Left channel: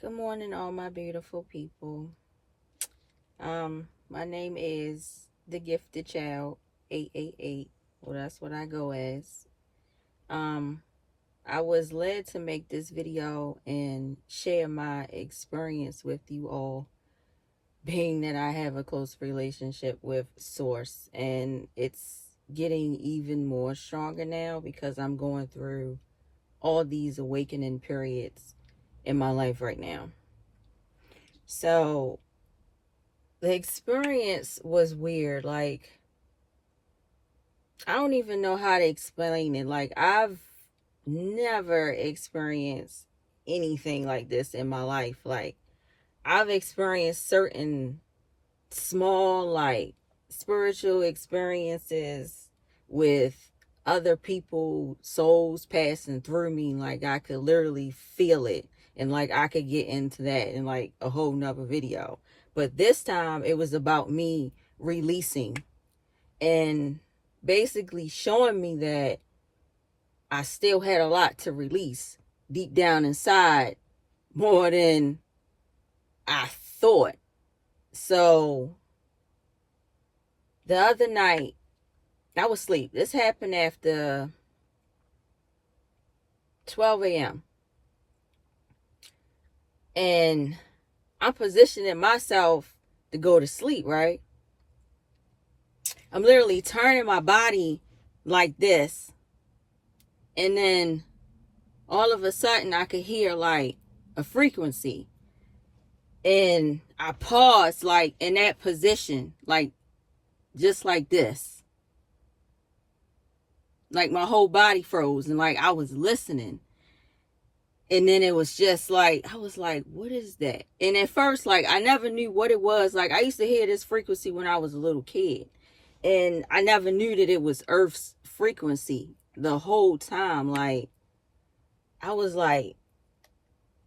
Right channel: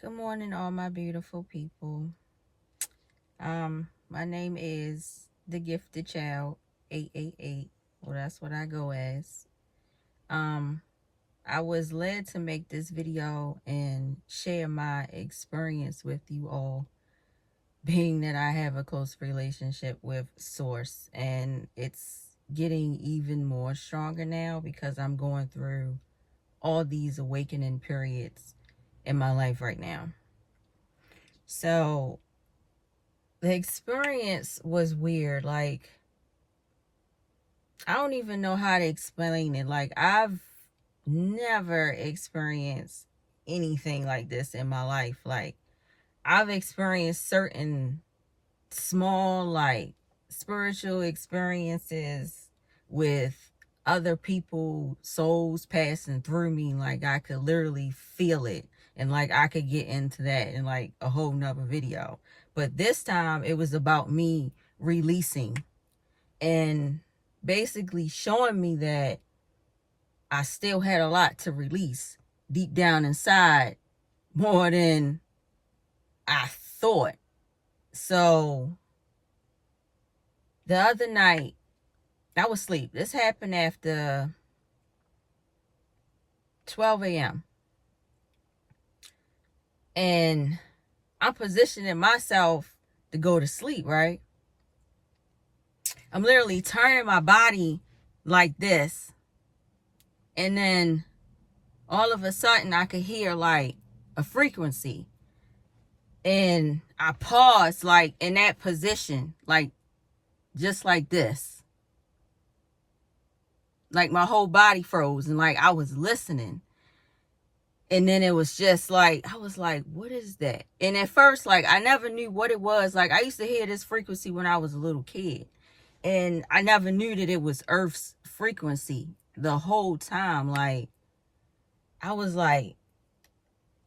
Good morning, all my beautiful people. My name is the Gifted Child 888. Well, that's what I go as. Um, I was led to make this video and share my experience with you all, being that I have a close relationship with Source, and it's getting even more stronger now because I'm going through all these awakening periods in my life right now. So the experience was weird. Like, I don't even know how to explain it. Like, I've never experienced anything like this in my life. Like, I've experienced certain small, like, spiritual experiences with other people, souls passing through me. Like, I could literally feel it. And, like, I could get into that in, like, a whole nother video. But this time, it was about me releasing and basically showing me that I still had a lot to release deep down inside, more than I thought. So the other night, I was asleep. This happened after 12 a.m. And I'm positioning myself to go to sleep, right? I'm literally turning my body like this. And then all of a sudden I could hear like a frequency. And I paused like in that position, like just like this. Like my whole body froze and like I was listening. And then it was just like, I was like, what is that? And at first, like, I never knew what it was. Like, I used to hear this frequency when I was a little kid. And I never knew that it was Earth's frequency the whole time. Like, I was like,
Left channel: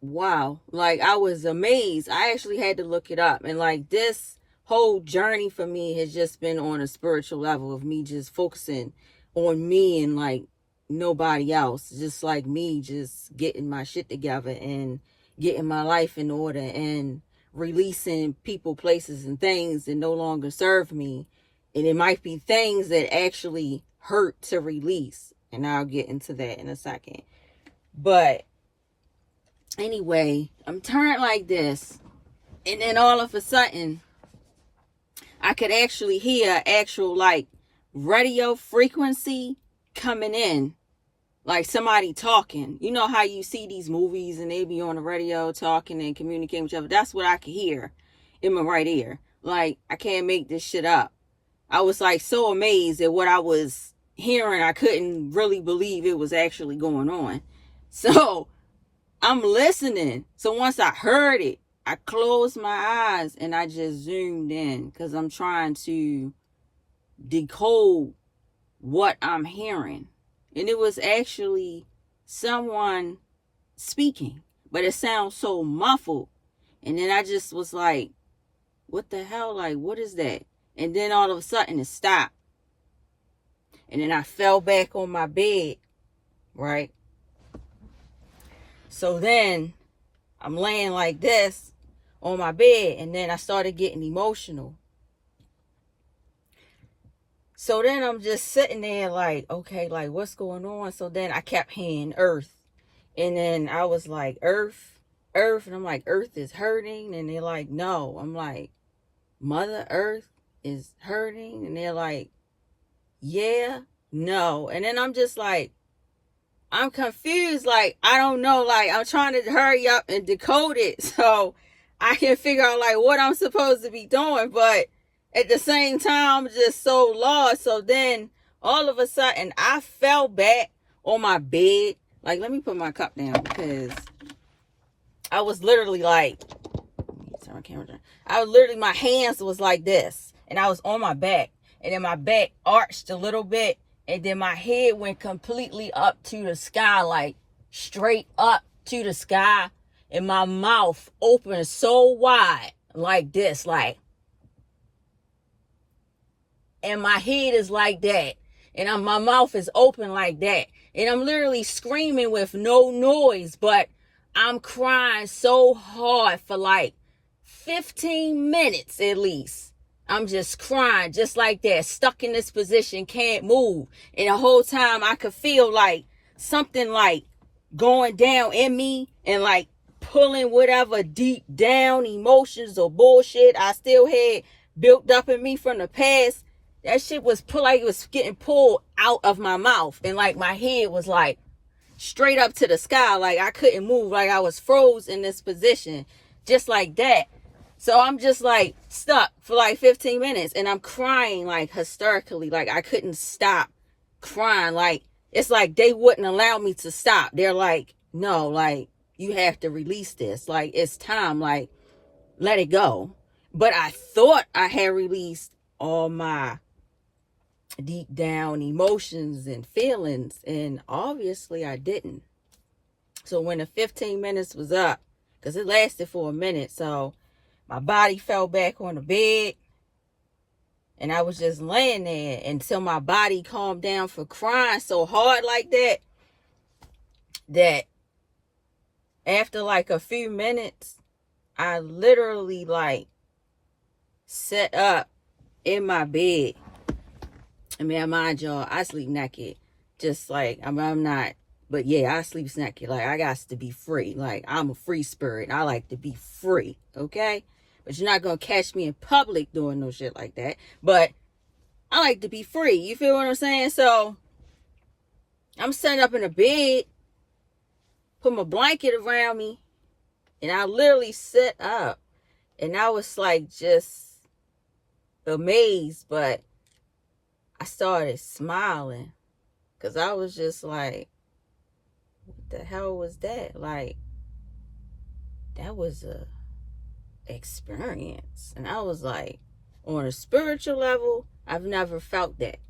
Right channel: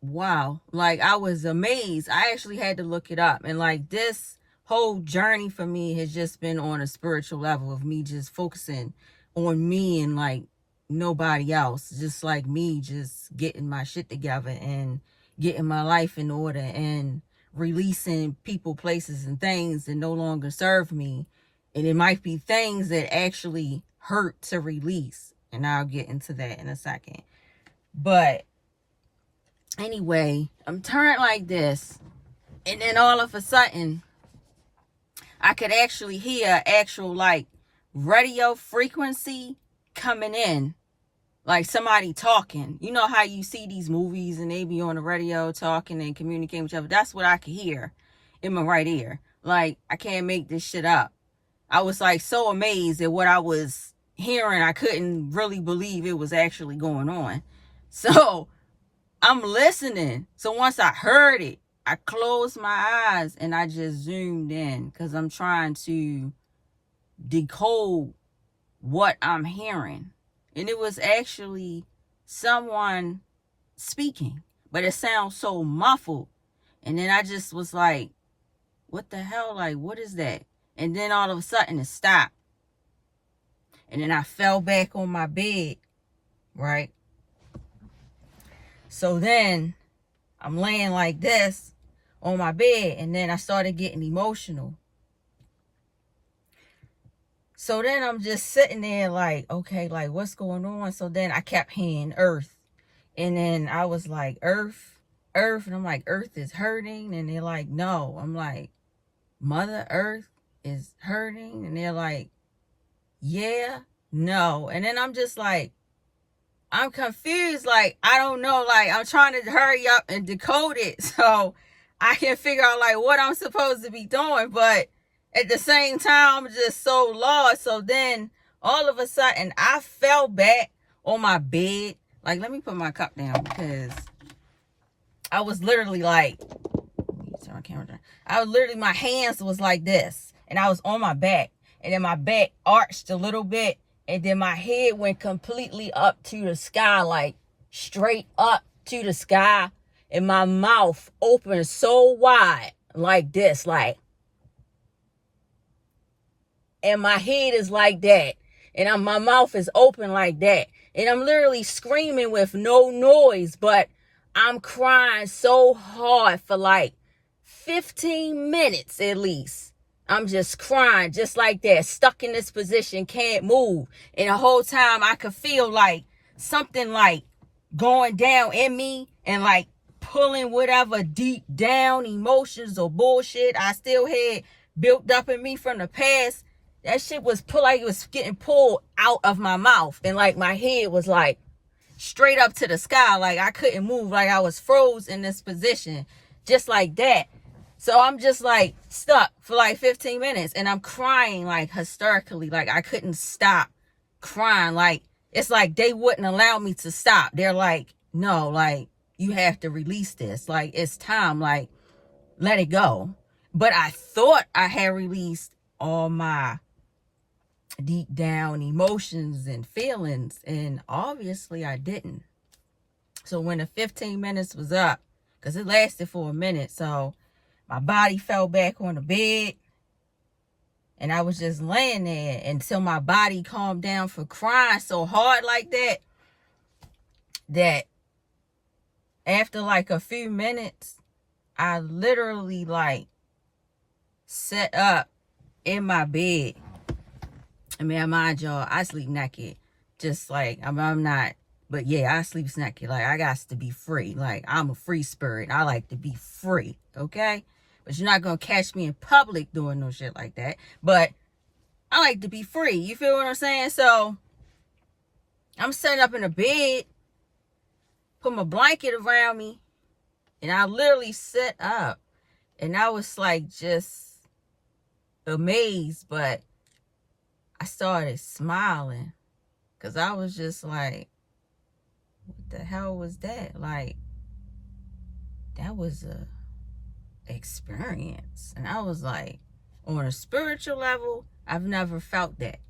wow. Like, I was amazed. I actually had to look it up. And, like, this whole journey for me has just been on a spiritual level of me just focusing on me and, like, nobody else, just like me, just getting my shit together and getting my life in order and releasing people, places, and things that no longer serve me. And it might be things that actually hurt to release, and I'll get into that in a second. But anyway, I'm turned like this, and then all of a sudden I could actually hear actual like radio frequency coming in, like somebody talking. You know how you see these movies and they be on the radio talking and communicating with each other? That's what I could hear in my right ear. Like, I can't make this shit up. I was like so amazed at what I was hearing. I couldn't really believe it was actually going on. So I'm listening. So once I heard it, I closed my eyes and I just zoomed in because I'm trying to decode what I'm hearing. And it was actually someone speaking, but it sounds so muffled. And then I just was like, what the hell? Like, what is that? And then all of a sudden it stopped. And then I fell back on my bed, right? So then I'm laying like this on my bed, and then I started getting emotional. So then I'm just sitting there like, okay, like what's going on? So then I kept hearing Earth. And then I was like, Earth, Earth. And I'm like, Earth is hurting. And they're like, no. I'm like, Mother Earth is hurting. And they're like, yeah, no. And then I'm just like, I'm confused. Like, I don't know. Like, I'm trying to hurry up and decode it so I can figure out like what I'm supposed to be doing. But at the same time, I'm just so lost. So then all of a sudden I fell back on my bed. Like, let me put my cup down because I was literally like, turn my camera down. I was literally, my hands was like this and I was on my back, and then my back arched a little bit, and then my head went completely up to the sky, like straight up to the sky, and my mouth opened so wide like this, like, and my head is like that, and my mouth is open like that, and I'm literally screaming with no noise, but I'm crying so hard for like 15 minutes at least. I'm just crying just like that, stuck in this position, can't move. And the whole time I could feel like something like going down in me and like pulling whatever deep down emotions or bullshit I still had built up in me from the past. That shit was like it was getting pulled out of my mouth. And like my head was like straight up to the sky. Like I couldn't move. Like I was froze in this position just like that. So I'm just like stuck for like 15 minutes and I'm crying like hysterically. Like I couldn't stop crying. Like it's like they wouldn't allow me to stop. They're like, no, like you have to release this. Like it's time. Like let it go. But I thought I had released all my deep down emotions and feelings. And obviously I didn't. So when the 15 minutes was up, because it lasted for a minute. So my body fell back on the bed and I was just laying there until my body calmed down for crying so hard like that, that after like a few minutes, I literally like sat up in my bed. I mean, mind y'all, I sleep naked. Just like, I'm not, but yeah, I sleep naked. Like, I got to be free. Like, I'm a free spirit. I like to be free, okay? But you're not going to catch me in public doing no shit like that. But I like to be free. You feel what I'm saying? So, I'm sitting up in the bed, put my blanket around me, and I literally sat up. And I was like just amazed, but I started smiling because I was just like, what the hell was that? Like, that was a experience. And I was like, on a spiritual level, I've never felt that.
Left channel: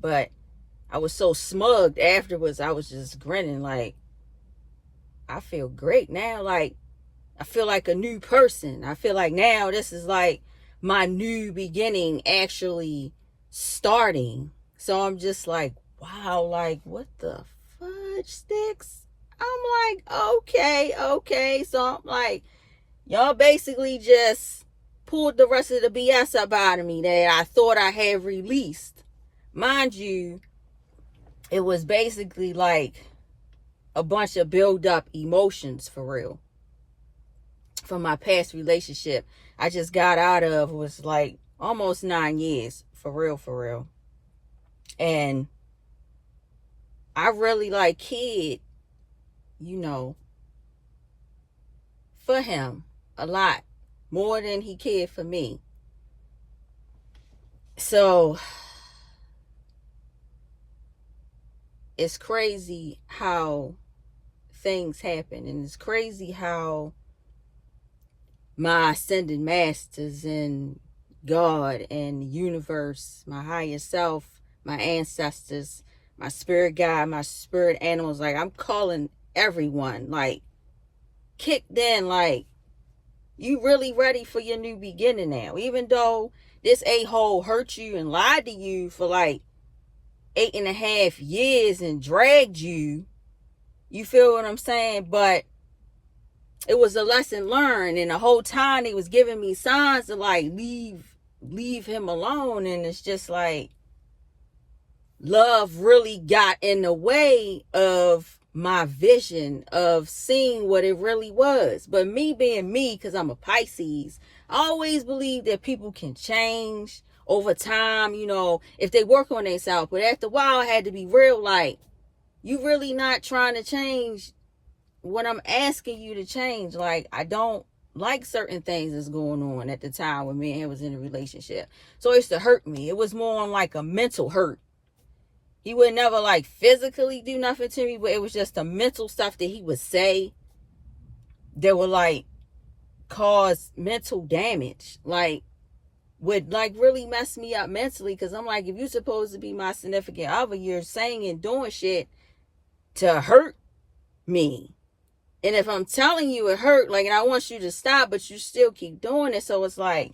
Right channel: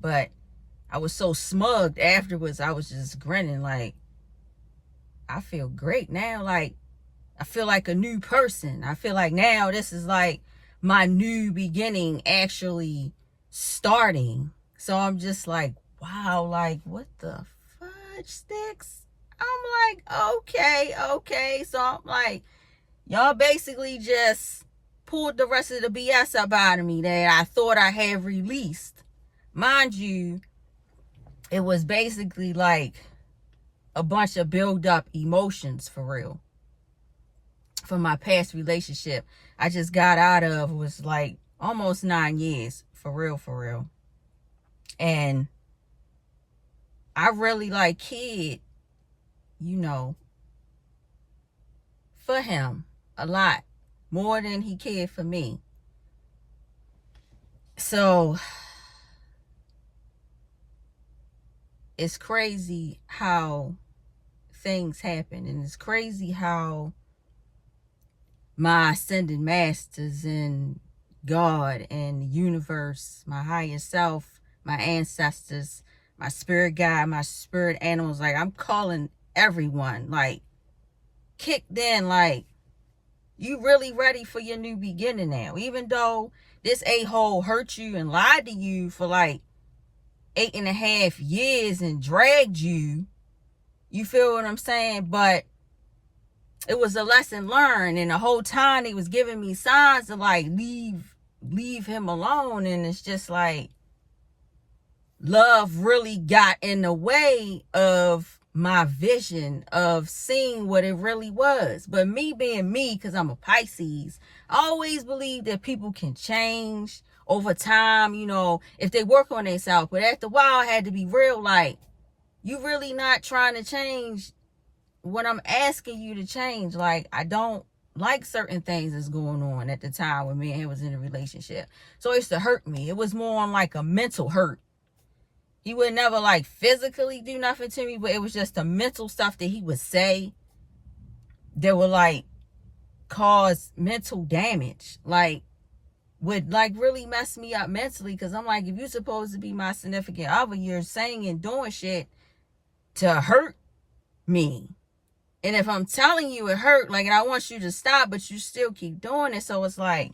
But I was so smugged afterwards, I was just grinning like, I feel great now. Like, I feel like a new person. I feel like now this is like my new beginning actually starting. So I'm just like, wow, like what the fudge sticks? I'm like, okay. So I'm like, y'all basically just pulled the rest of the BS up out of me that I thought I had released. Mind you, it was basically like a bunch of build up emotions for real. From my past relationship I just got out of was like almost 9 years, for real. And I really like cared, for him a lot more than he cared for me. So it's crazy how things happen, and it's crazy how my ascended masters and God and the universe, my higher self, my ancestors, my spirit guide, my spirit animals, like I'm calling everyone, like kicked in, like you really ready for your new beginning now. Even though this a-hole hurt you and lied to you for like 8.5 years and dragged you, you feel what I'm saying? But it was a lesson learned, and the whole time he was giving me signs to like leave him alone. And it's just like love really got in the way of my vision of seeing what it really was. But me being me, because I'm a Pisces, I always believe that people can change over time, if they work on themselves. But after a while I had to be real, like, you really not trying to change what I'm asking you to change. Like, I don't like certain things that's going on at the time when me and him was in a relationship. So it used to hurt me. It was more on like a mental hurt. He would never like physically do nothing to me, but it was just the mental stuff that he would say that would like cause mental damage. Like, would like really mess me up mentally. Because I'm like, if you're supposed to be my significant other, you're saying and doing shit to hurt me. And if I'm telling you it hurt, like, and I want you to stop, but you still keep doing it. So it's like,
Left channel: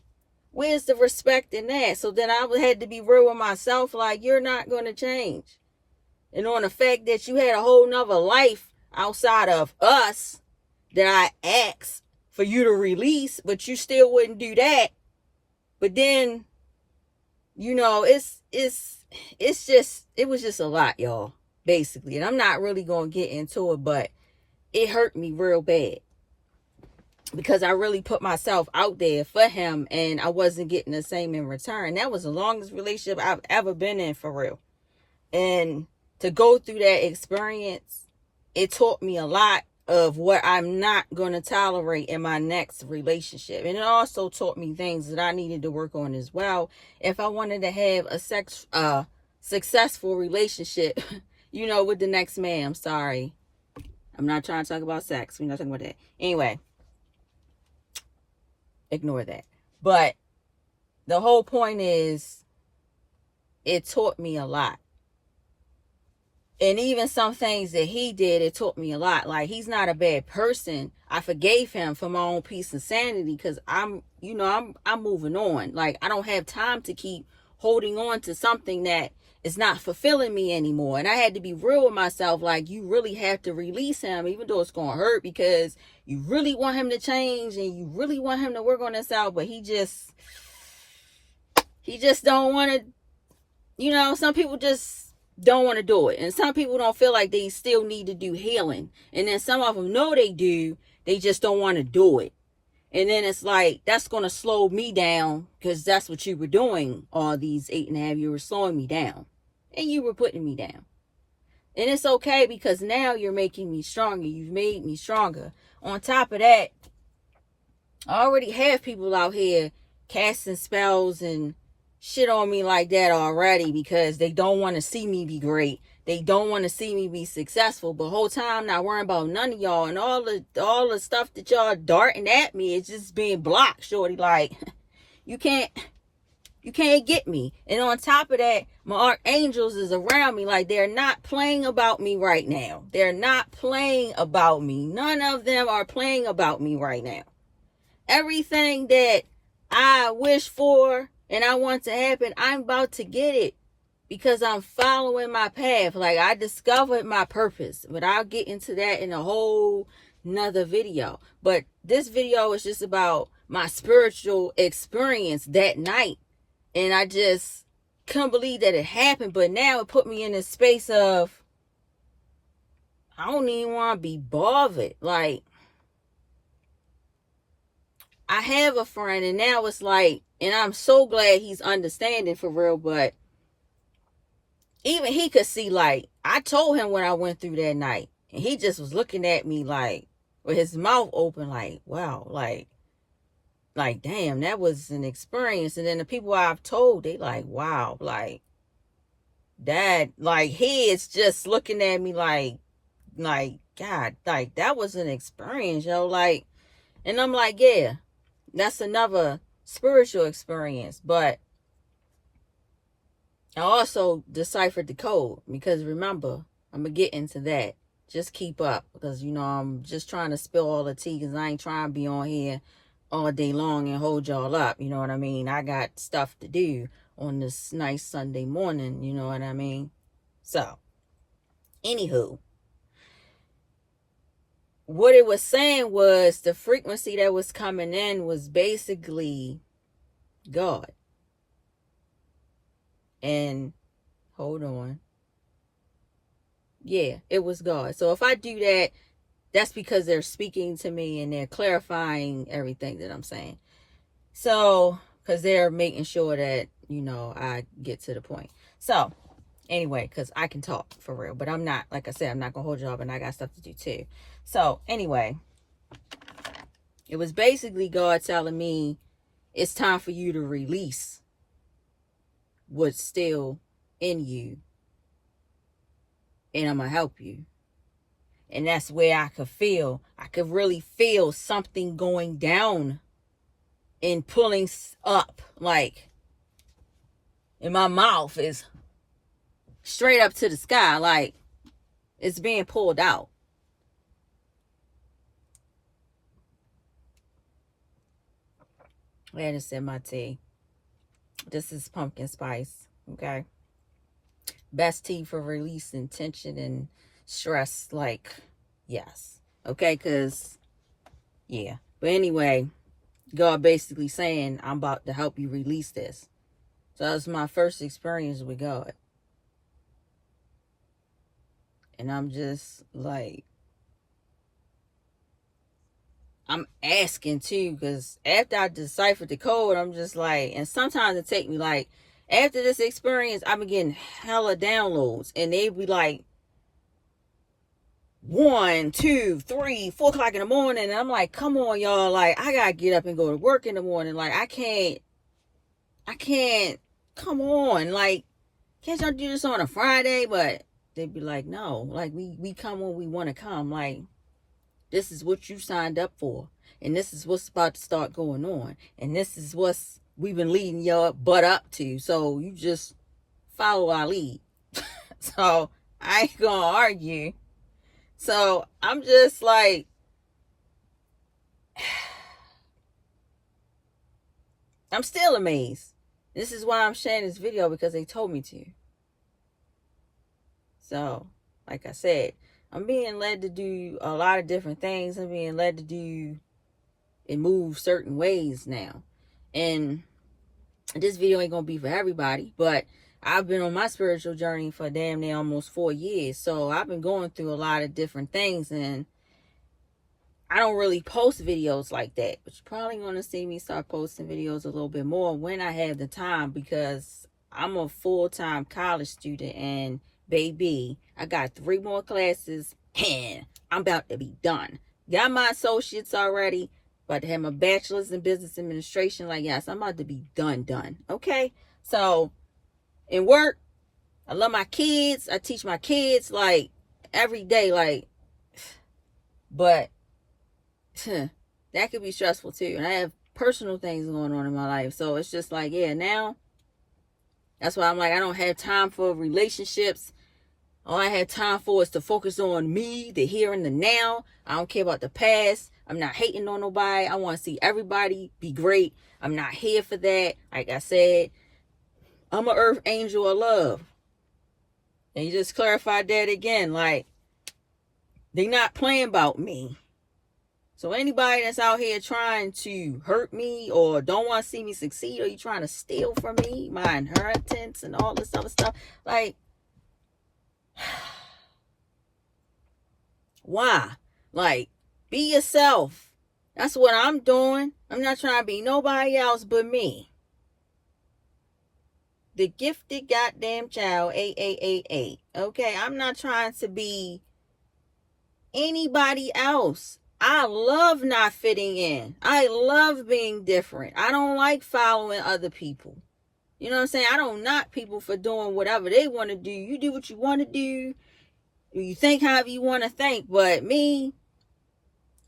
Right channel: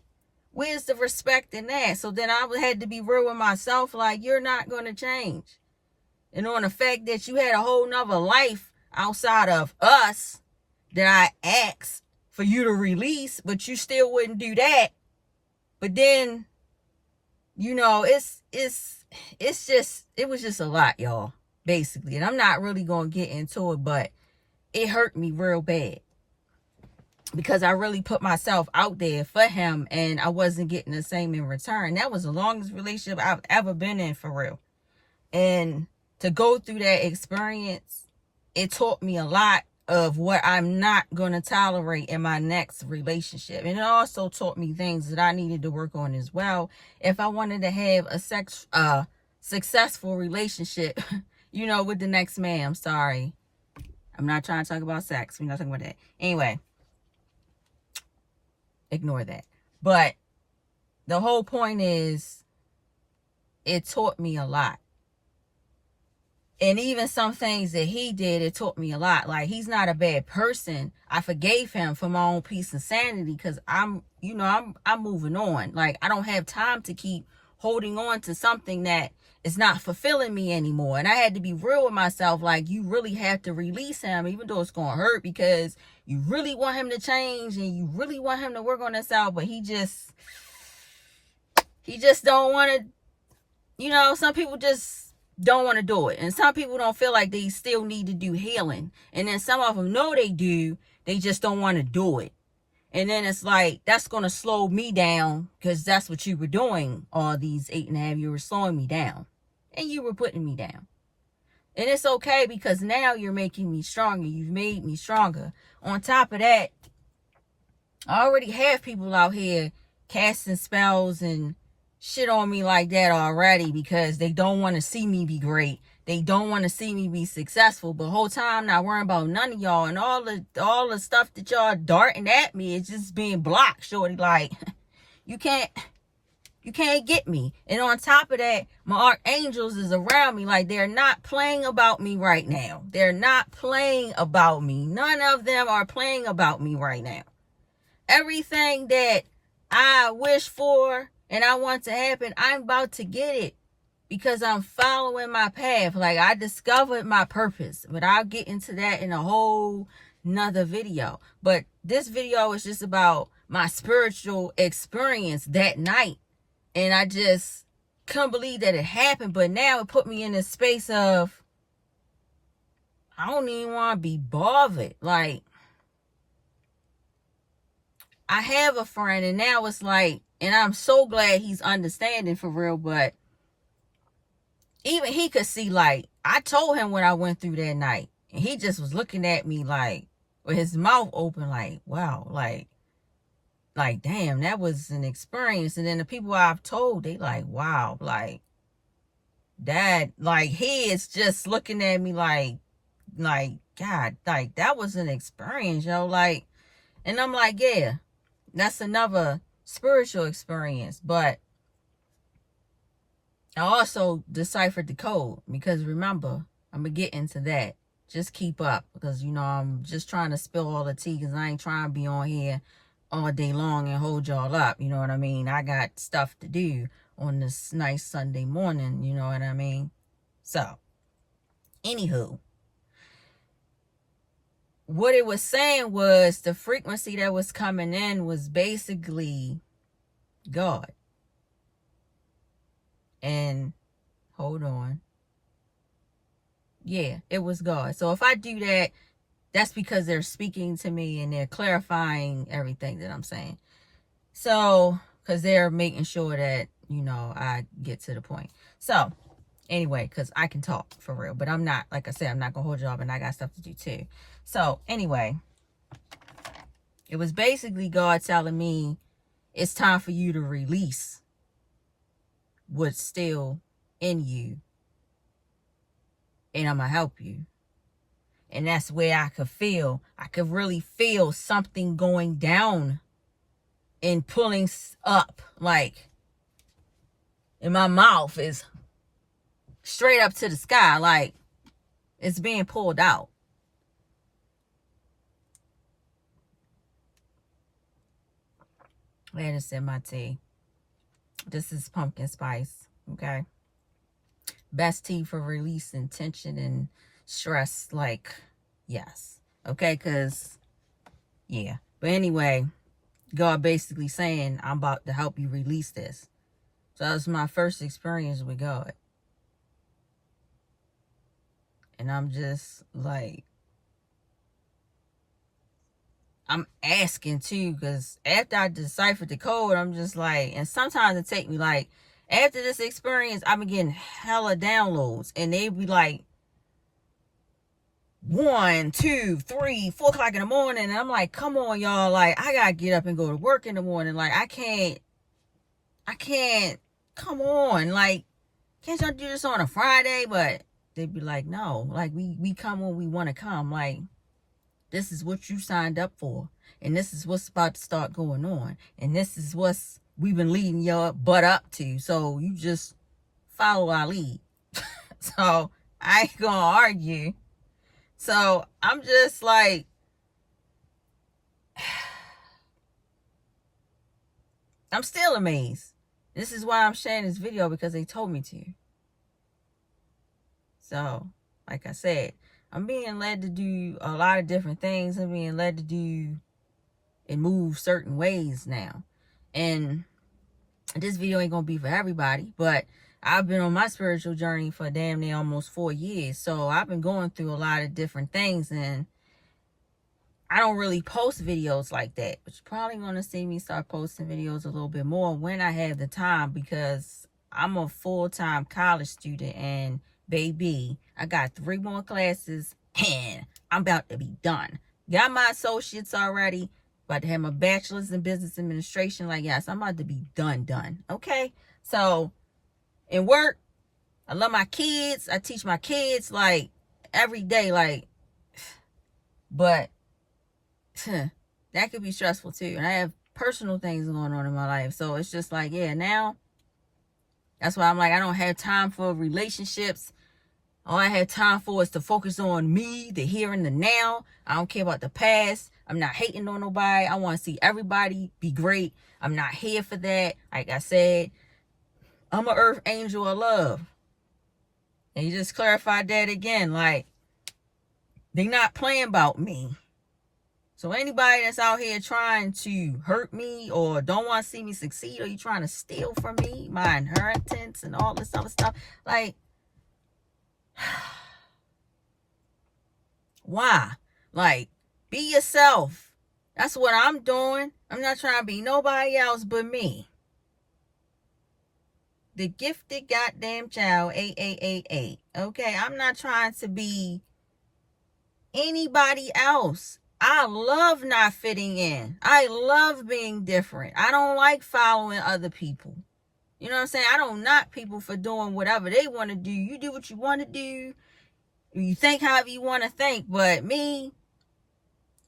where's the respect in that? So then I had to be real with myself. Like, you're not going to change. And on the fact that you had a whole nother life outside of us that I asked for you to release, but you still wouldn't do that. But then, you know, it was just a lot, y'all, basically. And I'm not really going to get into it, but it hurt me real bad because I really put myself out there for him and I wasn't getting the same in return. That was the longest relationship I've ever been in, for real. And to go through that experience, it taught me a lot of what I'm not going to tolerate in my next relationship. And it also taught me things that I needed to work on as well if I wanted to have a successful relationship, you know, with the next man. I'm sorry. I'm not trying to talk about sex. We're not talking about that. Anyway, ignore that. But the whole point is, it taught me a lot. And even some things that he did, it taught me a lot. Like, he's not a bad person. I forgave him for my own peace and sanity because I'm moving on. Like, I don't have time to keep holding on to something that is not fulfilling me anymore. And I had to be real with myself. Like, you really have to release him, even though it's going to hurt, because you really want him to change and you really want him to work on himself. But he just don't want to, you know, some people just don't want to do it. And some people don't feel like they still need to do healing. And then some of them know they do. They just don't want to do it. And then it's like, that's going to slow me down because that's what you were doing all these 8.5 years. You were slowing me down. And you were putting me down. And it's okay because now you're making me stronger. You've made me stronger. On top of that, I already have people out here casting spells and shit on me like that already because they don't want to see me be great. They don't want to see me be successful. But whole time not worrying about none of y'all, and all the stuff that y'all darting at me is just being blocked, shorty. Like, you can't get me. And on top of that, my archangels is around me. Like, they're not playing about me right now. They're not playing about me. None of them are playing about me right now. Everything that I wish for and I want to happen, I'm about to get it because I'm following my path. Like, I discovered my purpose, but I'll get into that in a whole nother video. But this video is just about my spiritual experience that night. And I just couldn't believe that it happened. But now it put me in this space of, I don't even want to be bothered. Like, I have a friend and now it's like, and I'm so glad he's understanding for real, but even he could see, like, I told him what I went through that night and he just was looking at me like, with his mouth open, like, wow, like, damn, that was an experience. And then the people I've told, they like, wow, like, that, like, he is just looking at me like, God, like, that was an experience, yo, like, and I'm like, yeah, that's another spiritual experience. But I also deciphered the code because remember, I'm going to get into that. Just keep up because, you know, I'm just trying to spill all the tea because I ain't trying to be on here all day long and hold y'all up. You know what I mean? I got stuff to do on this nice Sunday morning. You know what I mean? So, anywho, what it was saying was the frequency that was coming in was basically God. And hold on. Yeah, it was God. So if I do that, that's because they're speaking to me and they're clarifying everything that I'm saying. So, because they're making sure that, you know, I get to the point. So, anyway, because I can talk for real. But I'm not, like I said, I'm not going to hold you up and I got stuff to do too. So, anyway, it was basically God telling me it's time for you to release what's still in you. And I'm going to help you. And that's where I could really feel something going down and pulling up. Like, and my mouth is straight up to the sky. Like, it's being pulled out. I had to sip my tea. This is pumpkin spice. Okay. Best tea for releasing tension and stress. Like, Yes. Okay, because, yeah. But anyway, God basically saying, I'm about to help you release this. So that was my first experience with God. And I'm just like, I'm asking too, because after I deciphered the code, I'm just like, and sometimes it take me like, after this experience, I've been getting hella downloads, and they be like 1, 2, 3, 4 o'clock in the morning, and I'm like, come on, y'all, like I gotta get up and go to work in the morning, like I can't, come on, like can't y'all do this on a Friday? But they'd be like, no, like we come when we want to come, like this is what you signed up for. And this is what's about to start going on. And this is what's we've been leading your butt up to. So you just follow our lead. So I ain't gonna argue. So I'm just like, I'm still amazed. This is why I'm sharing this video, because they told me to. So, like I said, I'm being led to do a lot of different things. I'm being led to do and move certain ways now. And this video ain't gonna be for everybody, but I've been on my spiritual journey for damn near almost 4 years. So I've been going through a lot of different things, and I don't really post videos like that. But you're probably gonna see me start posting videos a little bit more when I have the time, because I'm a full-time college student, and baby, I got 3 more classes and I'm about to be done. Got my associates already. About to have my bachelor's in business administration. Like, yes, I'm about to be done. Okay? So, in work, I love my kids. I teach my kids, like, every day. Like, but, that could be stressful, too. And I have personal things going on in my life. So, it's just like, yeah, now, that's why I'm like, I don't have time for relationships. All I have time for is to focus on me, the here and the now. I don't care about the past. I'm not hating on nobody. I want to see everybody be great. I'm not here for that. Like I said, I'm an earth angel of love. And you just clarified that again. Like, they not playing about me. So anybody that's out here trying to hurt me or don't want to see me succeed, or you trying to steal from me, my inheritance and all this other stuff, like, why? Like, be yourself. That's what I'm doing. I'm not trying to be nobody else but me. The gifted goddamn child, 8888. Okay, I'm not trying to be anybody else. I love not fitting in. I love being different. I don't like following other people. You know what I'm saying? I don't knock people for doing whatever they want to do. You do what you want to do. You think however you want to think. But me,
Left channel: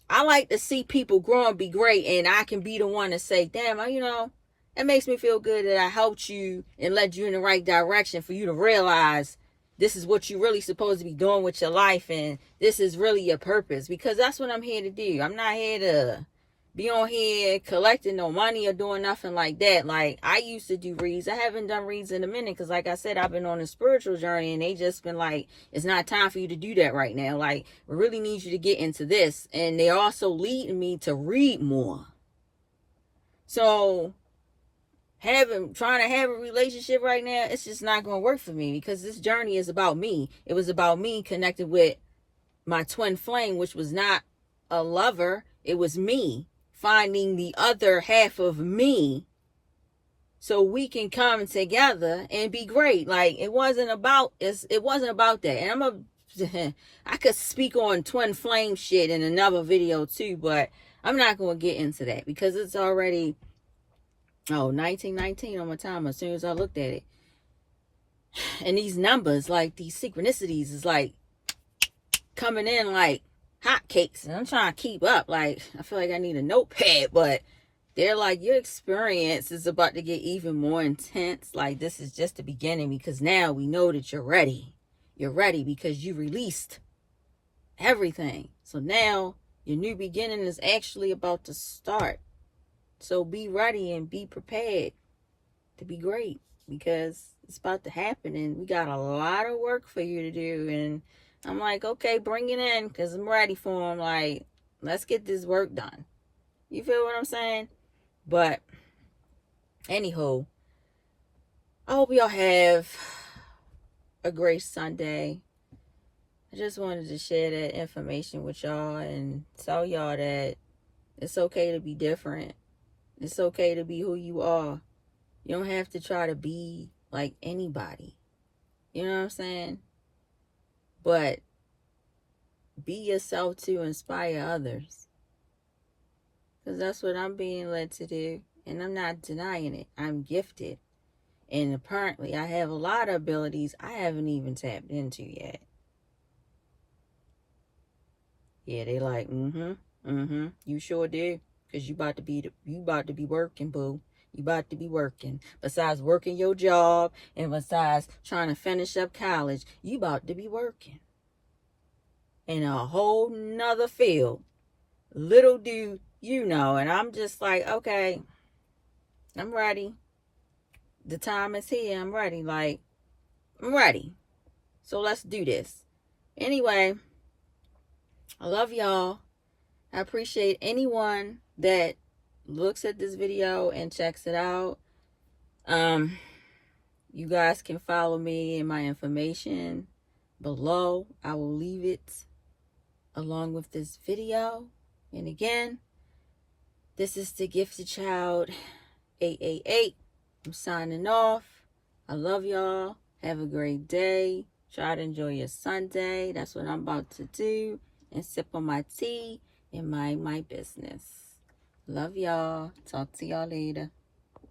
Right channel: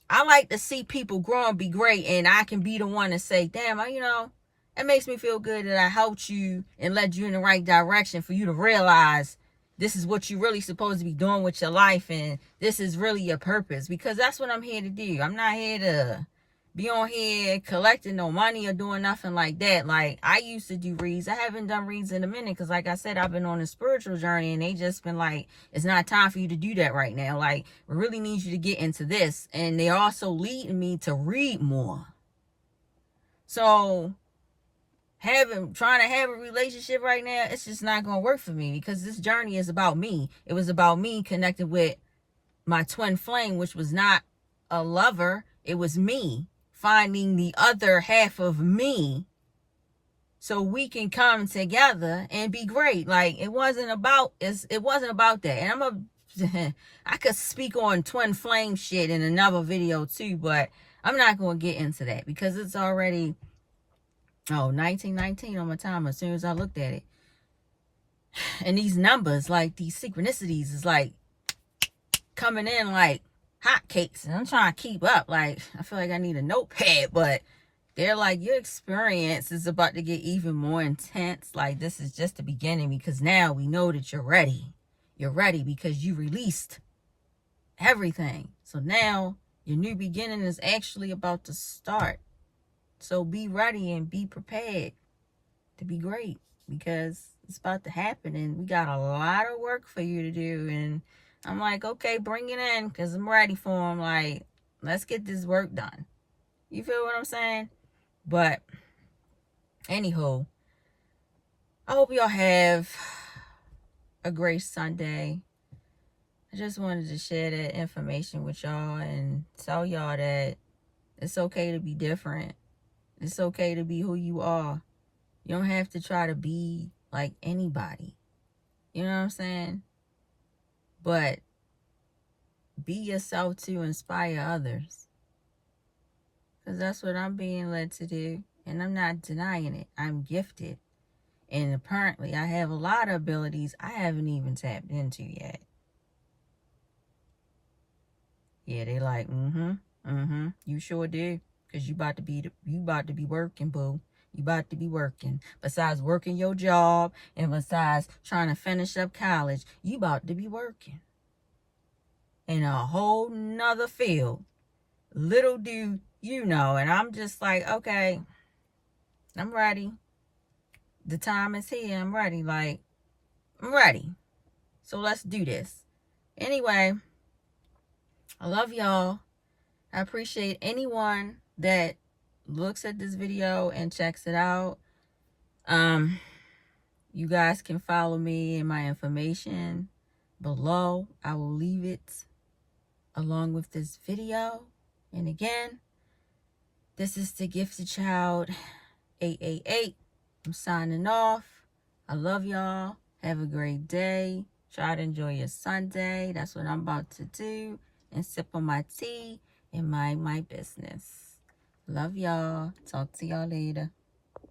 I like to see people grow and be great, and I can be the one to say, damn, it makes me feel good that I helped you and led you in the right direction for you to realize this is what you're really supposed to be doing with your life, and this is really your purpose, because that's what I'm here to do. I'm not here to be on here collecting no money or doing nothing like that. Like, I used to do reads. I haven't done reads in a minute because, like I said, I've been on a spiritual journey, and they just been like, it's not time for you to do that right now. Like, we really need you to get into this. And they're also leading me to read more. So trying to have a relationship right now, it's just not going to work for me, because this journey is about me. It was about me connecting with my twin flame, which was not a lover. It was me finding the other half of me so we can come together and be great. Like, it wasn't about that. And I could speak on twin flame shit in another video too, but I'm not going to get into that because it's already 1919 on my timer as soon as I looked at it. And these numbers, like these synchronicities, is like coming in like hotcakes, and I'm trying to keep up. Like, I feel like I need a notepad, but they're like, your experience is about to get even more intense. Like, this is just the beginning, because now we know that you're ready. You're ready because you released everything. So now your new beginning is actually about to start. So be ready and be prepared to be great, because it's about to happen, and we got a lot of work for you to do. And I'm like, okay, bring it in, because I'm ready for him. Like, let's get this work done. You feel what I'm saying? But, anywho, I hope y'all have a great Sunday. I just wanted to share that information with y'all and tell y'all that it's okay to be different. It's okay to be who you are. You don't have to try to be like anybody. You know what I'm saying? But be yourself to inspire others. Because that's what I'm being led to do. And I'm not denying it. I'm gifted. And apparently I have a lot of abilities I haven't even tapped into yet. Yeah, they like, you sure do. Because you about to be working, boo. You about to be working. Besides working your job and besides trying to finish up college, you about to be working in a whole nother field. Little do you know. And I'm just like, okay, I'm ready. The time is here. I'm ready. Like, I'm ready. So let's do this. Anyway, I love y'all. I appreciate anyone that looks at this video and checks it out. You guys can follow me and my information below. I will leave it along with this video. And again, this is the Gifted Child 888. I'm signing off. I love y'all. Have a great day. Try to enjoy your Sunday. That's what I'm about to do. And sip on my tea and mind my business. Love y'all. Talk to y'all later.